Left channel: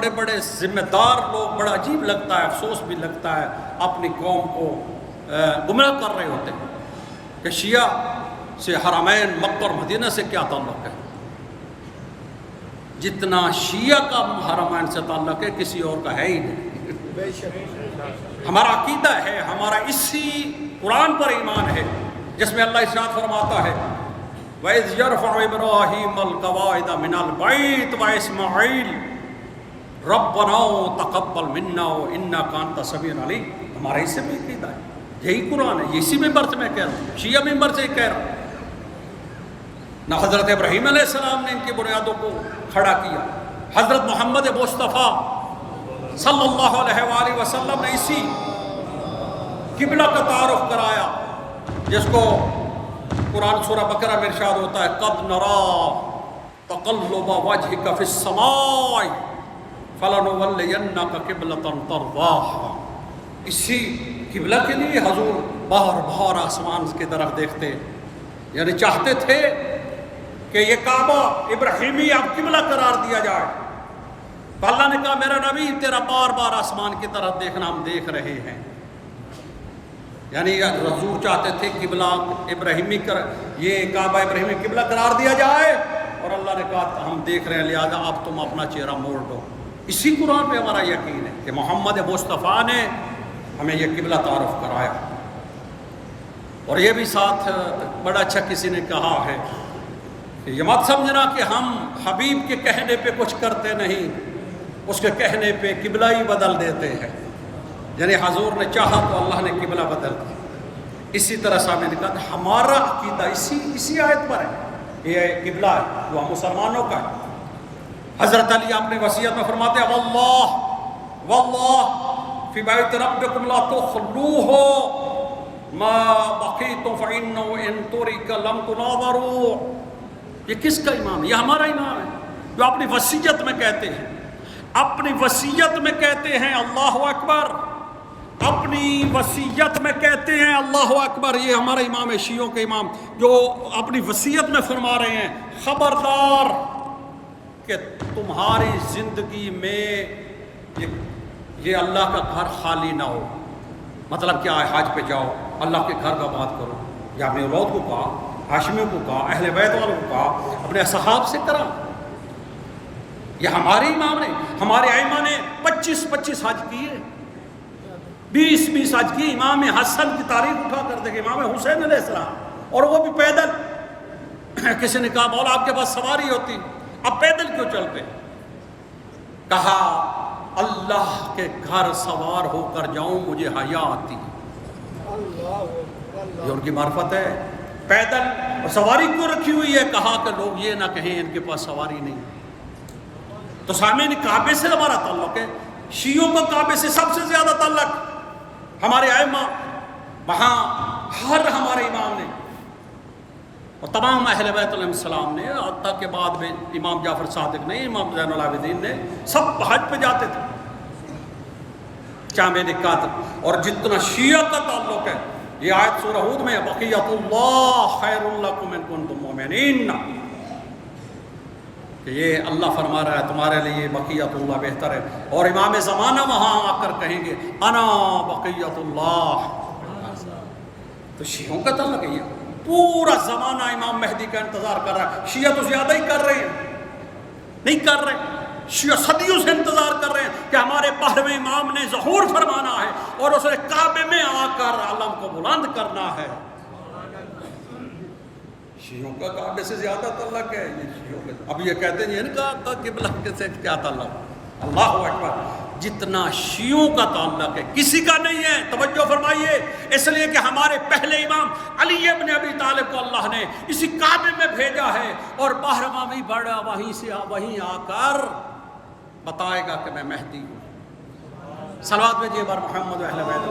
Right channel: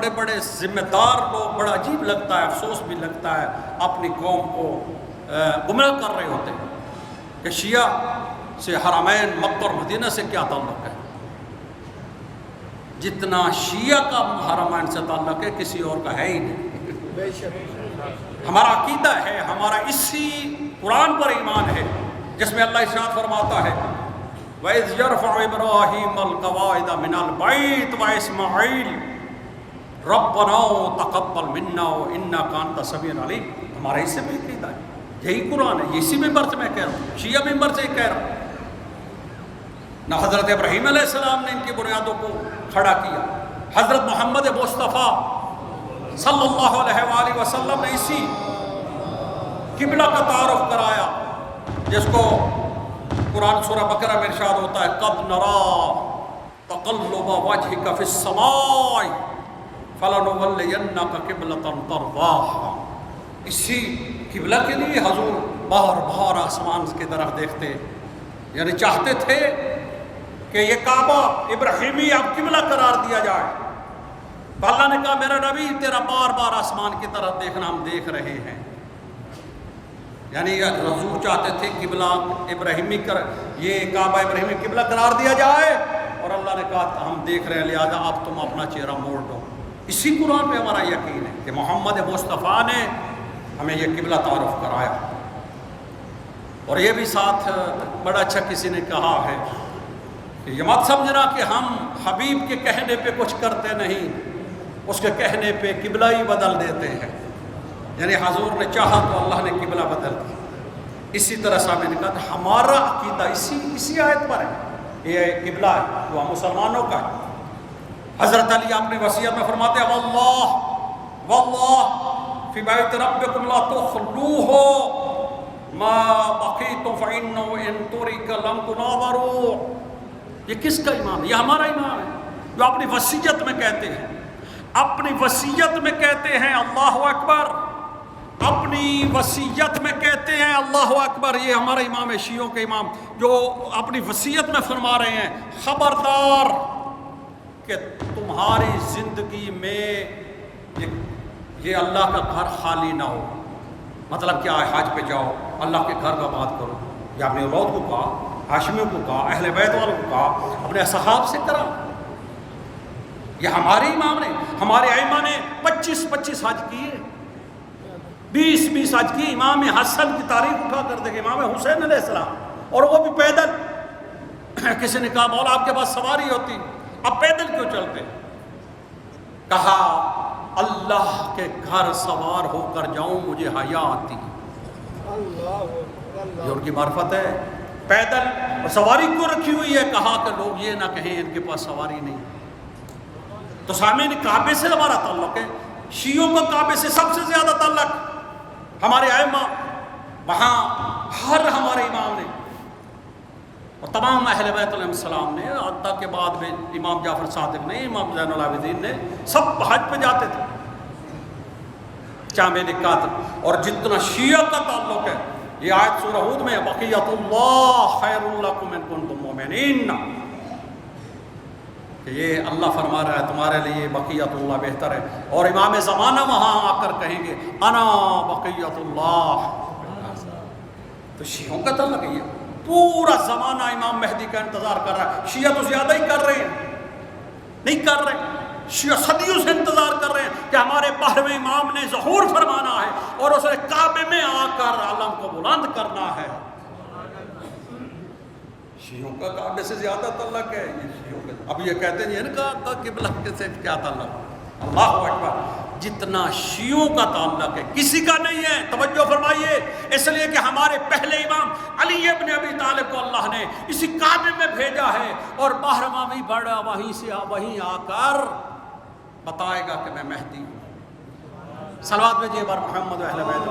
بڑے بڑے ذمہ دار لوگ، بڑا عجیب لگتا ہے، افسوس بھی لگتا ہے، اپنی قوم کو گمراہ کر رہے ہوتے ہیں کہ شیعہ سے حرمین مکہ اور مدینہ سے کیا تعلق ہے؟ جتنا شیعہ کا حرمین سے تعلق ہے کسی اور کا ہے ہی نہیں۔ ہمارا عقیدہ ہے، ہمارا اسی قرآن پر ایمان ہے جس میں اللہ ارشاد فرماتا ہے وَإِذْ يَرْفَعُ إِبْرَاهِيمَ الْقَوَاعِدَ مِنَ الْبَيْتِ وَإِسْمَاعِيلُ رَبَّنَا تَقَبَّلْ مِنَّا وَإِنَّكَ أَنْتَ السَّمِيعُ الْعَلِيمُ۔ ہمارا اس سے بھی عقیدہ ہے، یہی قرآن ہے، اسی ممبر سے میں کہہ رہا ہوں، شیعہ ممبر سے کہہ رہا ہوں۔ نہ حضرت ابراہیم علیہ السلام نے ان کی بنیادوں کو کھڑا کیا، حضرت محمد مصطفیٰ صلی اللہ علیہ وآلہ وسلم نے اسی قبلہ کا تعارف کرایا جس کو قرآن سورہ بقرہ میں ارشاد ہوتا ہے قَدْ نَرَىٰ تَقَلُّبَ وَجْهِكَ فِي السَّمَاءِ فَلَنُوَلِّيَنَّكَ قِبْلَةً تَرْضَاهَا۔ اسی قبلہ کے لیے حضور بار بار آسمان کی طرف دیکھتے، یعنی چاہتے تھے کہ یہ کعبہ ابراہیمی اب قبلہ قرار دیا جائے۔ تو اللہ نے کہا میرا نبی تیرا بار بار آسمان کی طرف دیکھنا ہم دیکھ رہے ہیں، یعنی حضور چاہتے تھے قبلہ ابراہیمی یہ کعبہ ابراہیمی قبلہ قرار دیا جائے، اور اللہ نے کہا ہم دیکھ رہے ہیں لہذا اب تم اپنا چہرہ موڑ دو۔ اسی قرآن پہ ہمارا یقین ہے کہ محمد مصطفیٰ نے ہمیں یہ قبلہ تعارف کرایا۔ اور یہ بھی ساتھ بڑا اچھا کسی نے کہا ہے کہ یہ مت سمجھنا کہ ہم حبیب کے کہنے پہ کچھ کرتے نہیں، اس کے کہنے پہ قبلہ ہی بدل دیتے ہیں، یعنی حضور نے چاہا تو اللہ نے قبلہ بدل دیا۔ اسی طرح سامنے نے کہا ہمارا عقیدہ اسی آیت پر ہے، یہ قبلہ ہے جو ہم مسلمانوں کا ہے۔ حضرت علی اپنے وصیت میں فرماتے ہیں واللہ فی بیت ربکم لا تخلوہ ما بقیتم فإنہ ان ترک لم تناظروا۔ یہ کس کا امام ہے؟ یہ ہمارا امام ہے جو اپنی وصیت میں کہتے ہیں، اپنی وصیت میں کہتے ہیں اللہ اکبر، اپنی وصیت میں کہتے ہیں اللہ اکبر۔ یہ ہمارا امام ہے، شیعوں کے امام، جو اپنی وصیت میں فرما رہے ہیں خبردار کہ تمہاری زندگی میں یہ اللہ کا گھر خالی نہ ہو۔ مطلب کیا ہے؟ حج پہ جاؤ، اللہ کے گھر کا بات کرو۔ یہ اپنے اولاد کو کہا، ہاشمیوں کو کہا، اہل بیت والوں کو کہا، اپنے صحاب سے کرا۔ یہ ہمارے امام نے، ہمارے ائمہ نے 25 حج کیے، 20 حج کیے۔ امام حسن کی تاریخ اٹھا کر دیکھیں، امام حسین علیہ السلام، اور وہ بھی پیدل۔ کسی نے کہا مولا آپ کے پاس سواری ہوتی، اب پیدل کیوں چلتے؟ کہا اللہ کے گھر سوار ہو کر جاؤں مجھے حیا آتی۔ یہ ان کی معرفت ہے۔ پیدل سواری کیوں رکھی ہوئی ہے؟ کہا کہ لوگ یہ نہ کہیں ان کے پاس سواری نہیں۔ تو سامعین کعبے سے ہمارا تعلق ہے، شیعوں کا کعبے سے سب سے زیادہ تعلق۔ ہمارے ائمہ وہاں ہر ہمارے امام نے اور تمام اہل بیت علیہ السلام نے، حتیٰ کے بعد میں امام جعفر صادق نے، امام زین العابدین نے، سب حج پہ جاتے تھے۔ کیا میں نے کہا تھا؟ اور جتنا شیعہ کا تعلق ہے، یہ آیت سورہ ہود میں بقیت اللہ خیر لکم ان کنتم مؤمنین، کہ یہ اللہ فرما رہا ہے تمہارے لیے بقیت اللہ بہتر ہے۔ اور امام زمانہ وہاں آ کر کہیں گے انا بقیت اللہ۔ تو شیعوں کا تعلق ہے، یہ پورا زمانہ امام مہدی کا انتظار کر رہا ہے۔ شیعہ تو زیادہ ہی کر رہے ہیں، نہیں کر رہے، شیعہ صدیوں سے انتظار کر رہے ہیں کہ ہمارے 12ویں امام نے ظہور فرمانا ہے اور اسے کعبے میں آ کر علم کو بلند کرنا ہے۔ شیعوں کا کعبے سے زیادہ تعلق ہے۔ اب یہ کہتے ہیں ان کا قبلہ سے کیا تعلق؟ اللہ اکبر، جتنا شیعوں کا تعلق ہے کسی کا نہیں ہے۔ توجہ فرمائیے، اس لیے کہ ہمارے پہلے امام علی ابن ابی طالب کو اللہ نے اسی کعبے میں بھیجا ہے، اور 12واں بھی بڑا وہیں آ کر بتائے گا کہ میں مہدی ہوں۔ صلوات بھیجیے بر محمد و اہل بیت۔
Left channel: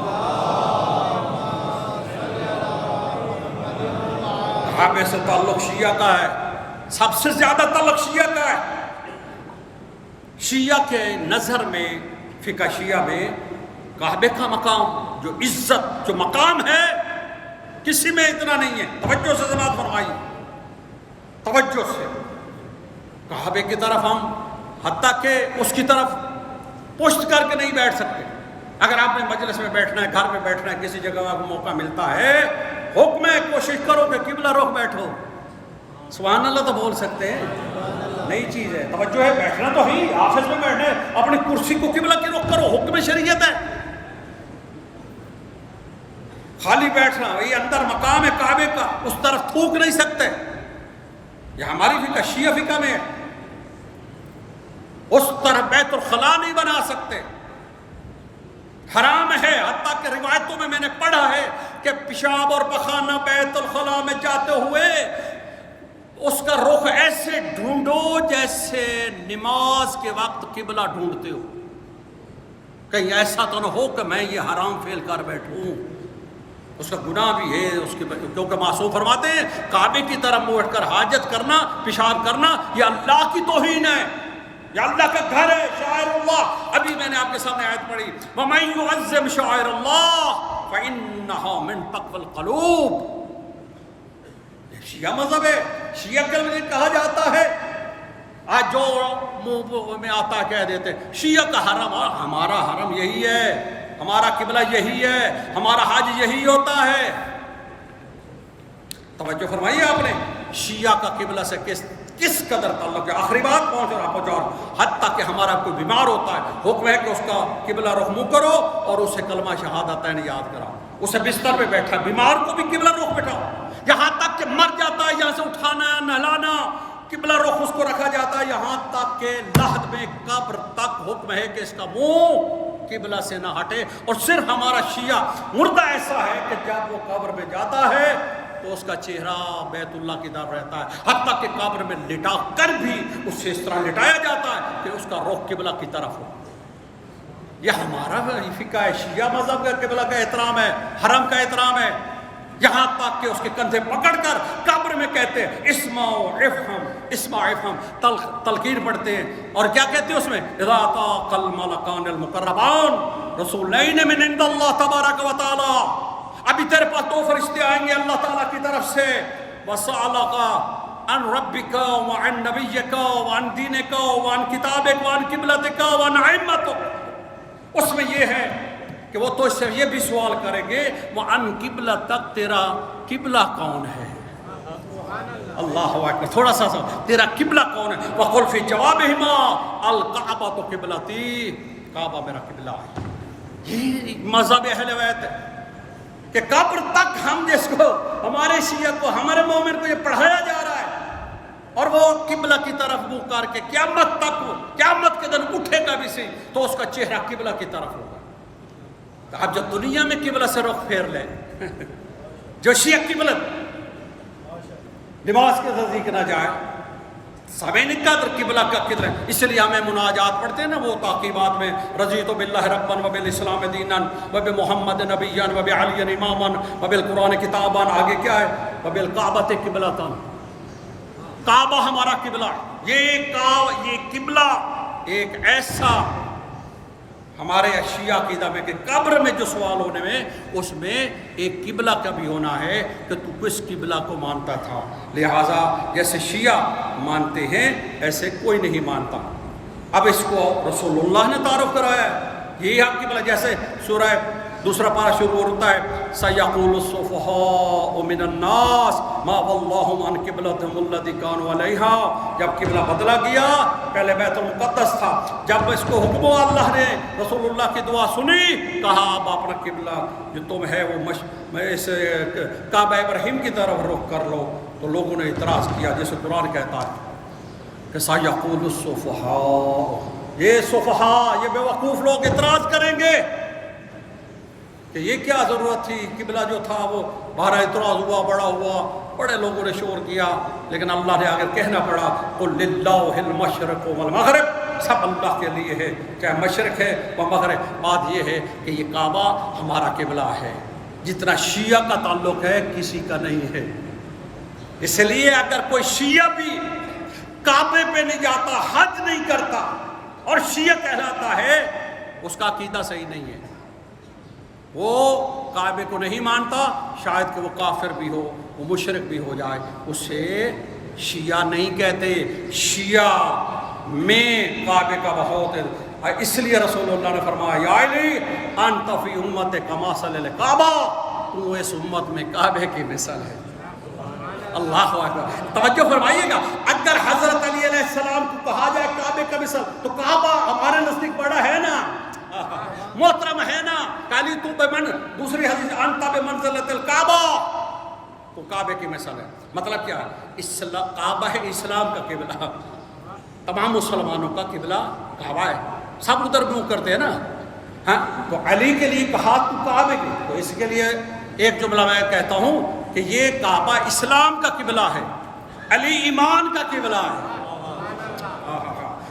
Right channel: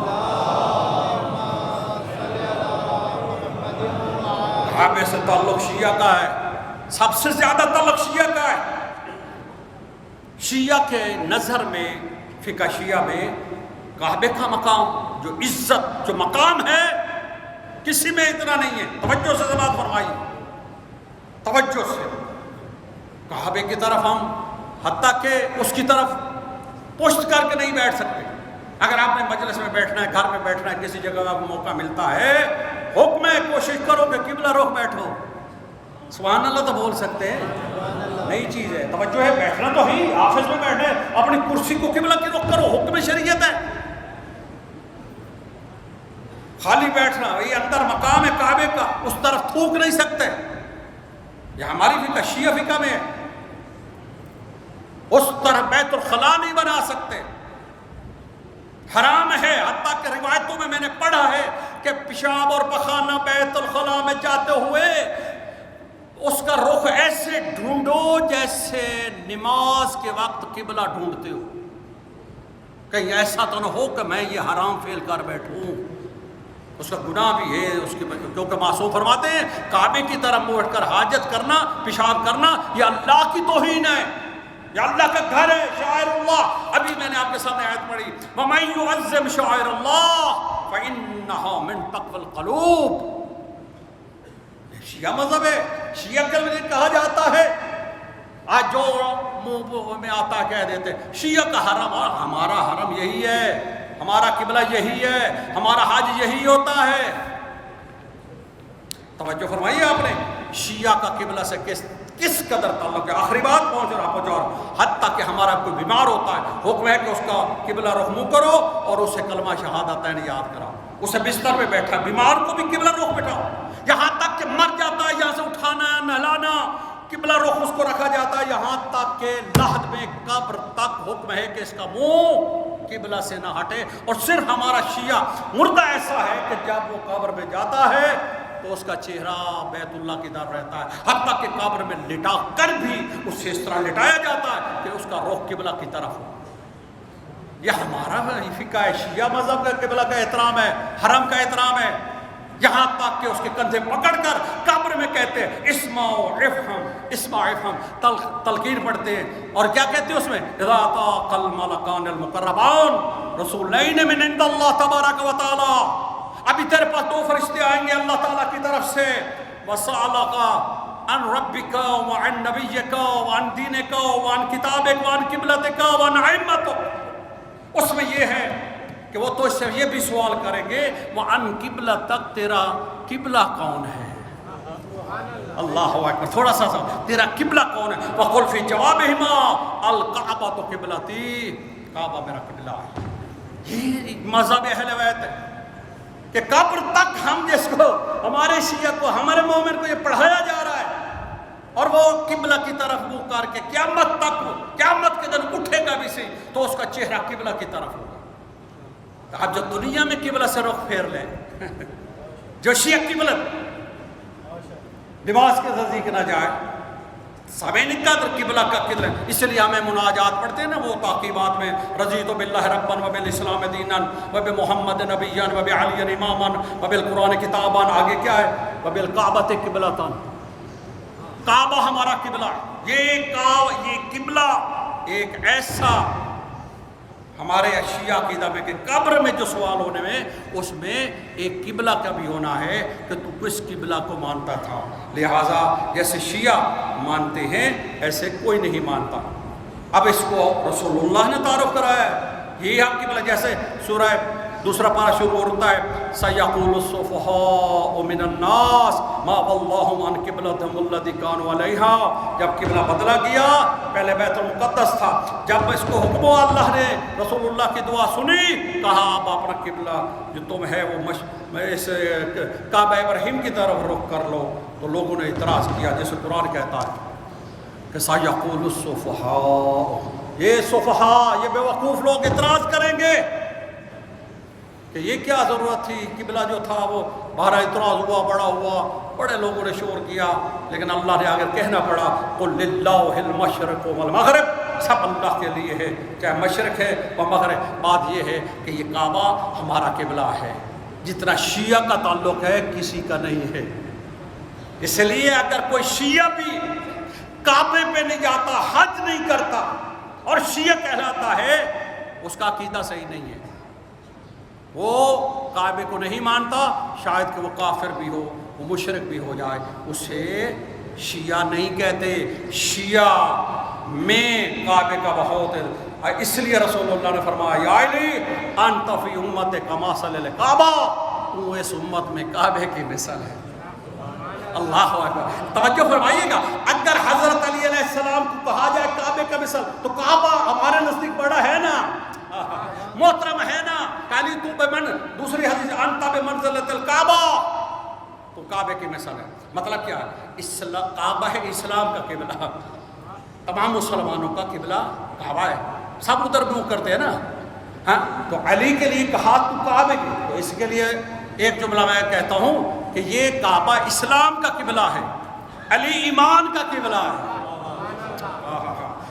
کعبے سے تعلق شیعہ کا ہے، سب سے زیادہ تعلق شیعہ کا ہے۔ شیعہ کے نظر میں، فقہ شیعہ میں، کعبے کا مقام جو عزت، جو مقام ہے، کسی میں اتنا نہیں ہے۔ توجہ سے سماعت فرمائیے، توجہ سے۔ کعبے کی طرف ہم حتیٰ کہ اس کی طرف پشت کر کے نہیں بیٹھ سکتے. اگر آپ نے مجلس میں بیٹھنا ہے، گھر میں بیٹھنا ہے، کسی جگہ آپ کو موقع ملتا ہے، حکم ہے کوشش کرو کہ قبلہ رخ بیٹھو. سبحان اللہ تو بول سکتے ہیں، نئی چیز ہے، توجہ ہے، بیٹھنا تو ہی، آفس میں بیٹھنا ہے، اپنی کرسی کو قبلہ کی رخ کرو، حکم شریعت ہے. خالی بیٹھنا، وہی اندر مقام ہے کعبے کا، اس طرف تھوک نہیں سکتے. یہ ہماری فقہ شیعہ فقہ میں ہے، اس طرح بیت الخلا نہیں بنا سکتے، حرام ہے. حتیٰ کہ روایتوں میں نے پڑھا ہے کہ پیشاب اور پخانہ بیت الخلا میں جاتے ہوئے اس کا رخ ایسے ڈھونڈو جیسے نماز کے وقت قبلہ ڈھونڈتے ہو، کہیں ایسا تو نہ ہو کہ میں یہ حرام فعل کر بیٹھوں. اس کا گناہ بھی ہے اس کے، کیونکہ معصوم فرماتے ہیں کعبے کی طرف منہ اٹھ کر حاجت کرنا، پیشاب کرنا، یہ اللہ کی توہین ہے، یہ اللہ کا گھر ہے، شعائر اللہ. ابھی میں نے آپ کے سامنے آیت پڑھی، وَمَن يُعَظِّمْ شَعَائِرَ اللَّهِ فَإِنَّهَا مِن تَقْوَى الْقُلُوبِ. شیعہ مذہب ہے، شیعہ کے لیے کہا جاتا ہے، آج جو منہ میں آتا کہہ دیتے شیعہ کا حرم، اور ہمارا حرم یہی ہے، ہمارا قبلہ یہی ہے، ہمارا حج یہی ہوتا ہے. توجہ فرمائیے آپ نے، شیعہ کا قبلہ سے کس قدر تعلق ہے. آخری بات پہنچ رہا ہوں، حتیٰ کہ ہمارا کوئی بیمار ہوتا ہے، حکم ہے کہ اس کا قبلہ رخ منہ کرو اور اسے کلمہ شہادتین یاد کراؤ. اسے بستر پہ بیٹھا، بیمار کو بھی قبلہ رخ بیٹھاؤ. یہاں تک کہ مر جاتا ہے، یہاں سے اٹھانا، نہلانا، قبلہ رخ اس کو رکھا جاتا ہے، یہاں تک کہ لحد میں قبر تک حکم ہے کہ اس کا منہ قبلہ سے نہ ہٹے. اور صرف ہمارا شیعہ مردہ ایسا ہے کہ جب وہ قبر میں جاتا ہے تو اس کا چہرہ بیت اللہ کی طرف رہتا ہے، حتیٰ کہ قبر میں لٹا کر بھی اس سے اس طرح لٹایا جاتا ہے کہ اس کا رخ قبلہ کی طرف ہو. یہ ہمارا فقہ ہے، شیعہ مذہب کا قبلہ کا احترام ہے، حرم کا احترام ہے. یہاں تک کہ اس کے کندھے پکڑ کر قبر میں کہتے ہیں اسمع افہم، اسمع افہم، تلقین پڑھتے ہیں. اور کیا کہتے ہیں اس میں، اذا طاق الملکان المقربان رسولین من عند اللہ تبارک و تعالی. ابھی تیرے پاس دو فرشتے آئیں گے اللہ تعالیٰ کی طرف سے، وَسَأَلَكَ عَنْ رَبِّكَ وَعَنْ نَبِيِّكَ وَعَنْ دِينِكَ وَعَنْ كِتَابِكَ وَعَنْ قِبْلَتِكَ وَعَنْ أَئِمَّتِكَ. اس میں یہ ہے کہ وہ تو اس سے یہ بھی سوال کریں گے وَعَنْ قِبْلَتَكَ، تیرا قبلہ کون ہے. اللہ اکبر، تھوڑا سا تیرا قبلہ کون ہے. وَقُلْ فِي جَوَابِهِمَا الْكَعْبَةُ قِبْلَتِي، کعبہ میرا قبلہ ہے. یہ مذہب اہل بیت ہے کہ قبر تک ہم جس کو، ہمارے شیعہ کو، ہمارے مومن کو یہ پڑھایا جا رہا ہے، اور وہ قبلہ کی طرف منہ کر کے قیامت تک، قیامت کے دن اٹھے گا بھی صحیح تو اس کا چہرہ قبلہ کی طرف ہوگا. اب جو دنیا میں قبلہ سے رخ پھیر لے، جو شیعہ قبلہ نماز کے نزدیک نہ جائے، سامعین قدر قبلہ کا قدر ہے. اس لیے ہمیں مناجات پڑھتے ہیں نا وہ تعقیبات میں، رضیت باللہ ربا وبالاسلام دینا وبمحمد نبیا وبعلی اماما وبالقرآن کتابا. آگے کیا ہے، وبالکعبۃ قبلۃ، کعبہ ہمارا قبلہ ہے. یہ قبلہ ایک ایسا ہمارے شیعہ عقیدہ میں کہ قبر میں جو سوال ہونے میں، اس میں ایک قبلہ کا بھی ہونا ہے کہ تو کس قبلہ کو مانتا تھا. لہٰذا جیسے شیعہ مانتے ہیں ایسے کوئی نہیں مانتا. اب اس کو رسول اللہ نے تعارف کرایا ہے، یہی آپ قبلہ. جیسے سورہ دوسرا پارہ شروع ہوتا ہے سَيَقُولُ السُّفَهَاءُ مِنَ النَّاسِ مَا وَلَّاهُمْ عَنْ قِبْلَتِهِمُ الَّتِي كَانُوا عَلَيْهَا. جب قبلہ بدلا گیا، پہلے بیت المقدس تھا، جب اس کو حکم اللہ نے رسول اللہ کی دعا سنی، کہا اب اپنا قبلہ جو تم ہے وہ اس کعبہ ابراہیم کی طرف رخ کر لو. تو لوگوں نے اعتراض کیا، جیسے قرآن کہتا ہے کہ سَيَقُولُ السُّفَهَاءُ، یہ سفہاء، یہ بے وقوف لوگ اعتراض کریں گے کہ یہ کیا ضرورت تھی، قبلہ جو تھا وہ بارہ اعتراض ہوا، بڑا ہوا، بڑے لوگوں نے شور کیا، لیکن اللہ نے آگے کہنا پڑا قُلْ لِلَّهِ الْمَشْرِقُ وَالْمَغْرِبُ، سب اللہ کے لیے ہے، چاہے مشرق ہے و مغرب. بات یہ ہے کہ یہ کعبہ ہمارا قبلہ ہے، جتنا شیعہ کا تعلق ہے کسی کا نہیں ہے. اس لیے اگر کوئی شیعہ بھی کعبے پہ نہیں جاتا، حج نہیں کرتا اور شیعہ کہلاتا ہے، اس کا عقیدہ صحیح نہیں ہے. وہ کعبے کو نہیں مانتا، شاید کہ وہ کافر بھی ہو، وہ مشرک بھی ہو جائے، اسے شیعہ نہیں کہتے. شیعہ میں کعبے کا بہت اس لیے رسول اللہ نے فرمایا یا علی انت فی امت کمثل الکعبہ، تو اس امت میں کعبے کی مثل ہے۔ اللہ اکبر، توجہ فرمائیے گا، اگر حضرت علی علیہ السلام کو کہا جائے کعبے کا مثل تو کعبہ ہمارے نزدیک بڑا ہے نا، محترم ہے نا، علی تو دوسری حدیث انت بمنزلۃ الکعبہ، تو کعبے کی مثل ہے۔ مطلب کیا ہے؟ کعبہ ہے اسلام کا قبلہ، تمام مسلمانوں کا قبلہ کعبہ ہے، سب ادھر منہ کرتے ہیں نا، ہاں تو علی کے لیے کہا تو کعبے کی، تو اس کے لیے ایک جملہ میں کہتا ہوں کہ یہ کعبہ اسلام کا قبلہ ہے، علی ایمان کا قبلہ ہے۔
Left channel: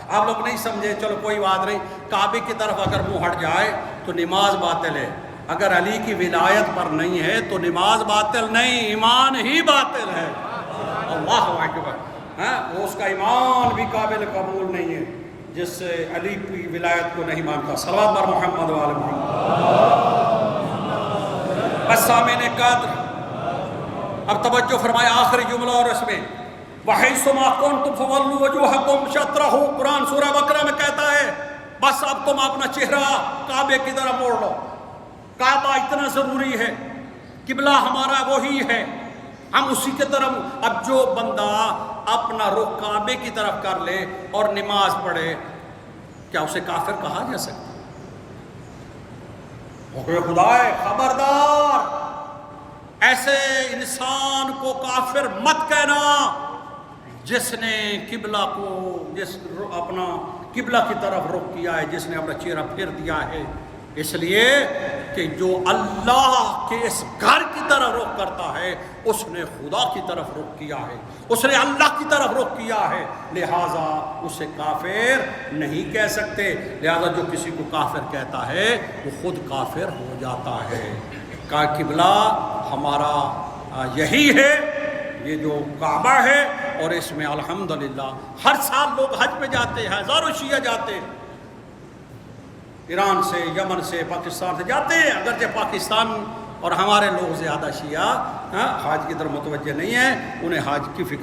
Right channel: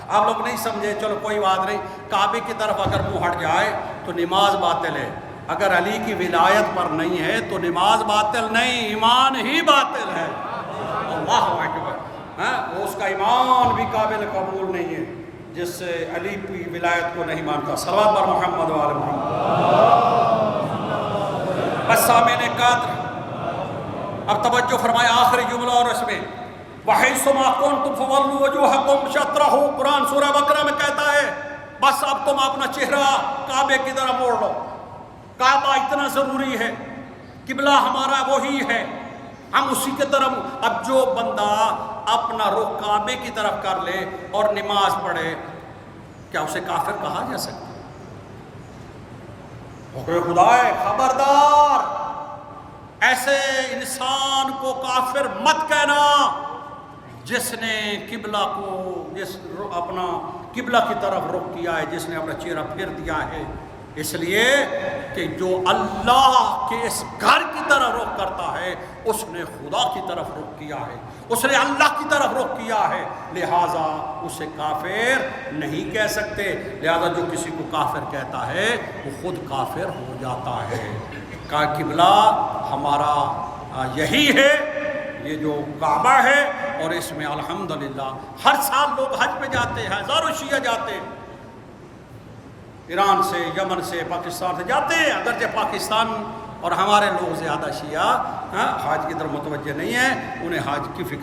آپ لوگ نہیں سمجھے، چلو کوئی بات نہیں، کعبے کی طرف اگر منہ ہٹ جائے تو نماز باطل ہے، اگر علی کی ولایت پر نہیں ہے تو نماز باطل نہیں، ایمان ہی باطل ہے۔ اللہ اکبر، ہاں اس کا ایمان بھی قابل قبول نہیں ہے جس سے علی کی ولایت کو نہیں مانتا۔ صلوات بر محمد و آل محمد۔ بس سامعین قدر، اب توجہ فرمائے آخری جملہ اور اس میں وَحَيْثُ مَا كُنْتُمْ فَوَلُّوا وُجُوهَكُمْ شَطْرَهُ، قرآن سورہ بقرہ میں کہتا ہے بس اب تم اپنا چہرہ کعبے کی طرف موڑ لو، کعبہ اتنا ضروری ہے، قبلہ ہمارا وہی ہے، ہم اسی کے طرف۔ اب جو بندہ اپنا رخ کعبے کی طرف کر لے اور نماز پڑھے، کیا اسے کافر کہا جا سکتا؟ خدا ہے خبردار، ایسے انسان کو کافر مت کہنا جس نے قبلہ کو، جس اپنا قبلہ کی طرف رخ کیا ہے، جس نے اپنا چہرہ پھیر دیا ہے، اس لیے کہ جو اللہ کے اس گھر کی طرف رخ کرتا ہے اس نے خدا کی طرف رخ کیا ہے، اس نے اللہ کی طرف رخ کیا ہے، لہٰذا اسے کافر نہیں کہہ سکتے۔ لہٰذا جو کسی کو کافر کہتا ہے وہ خود کافر ہو جاتا ہے۔ کا قبلہ ہمارا یہی ہے، یہ جو کعبہ ہے، اور اس میں الحمدللہ ہر سال لوگ حج پہ جاتے ہیں، ہزاروں شیعہ جاتے ہیں، ایران سے، یمن سے، پاکستان سے جاتے ہیں، اگرچہ پاکستان اور ہمارے لوگ زیادہ شیعہ حج کی طرف متوجہ نہیں ہیں، انہیں حج کی فکر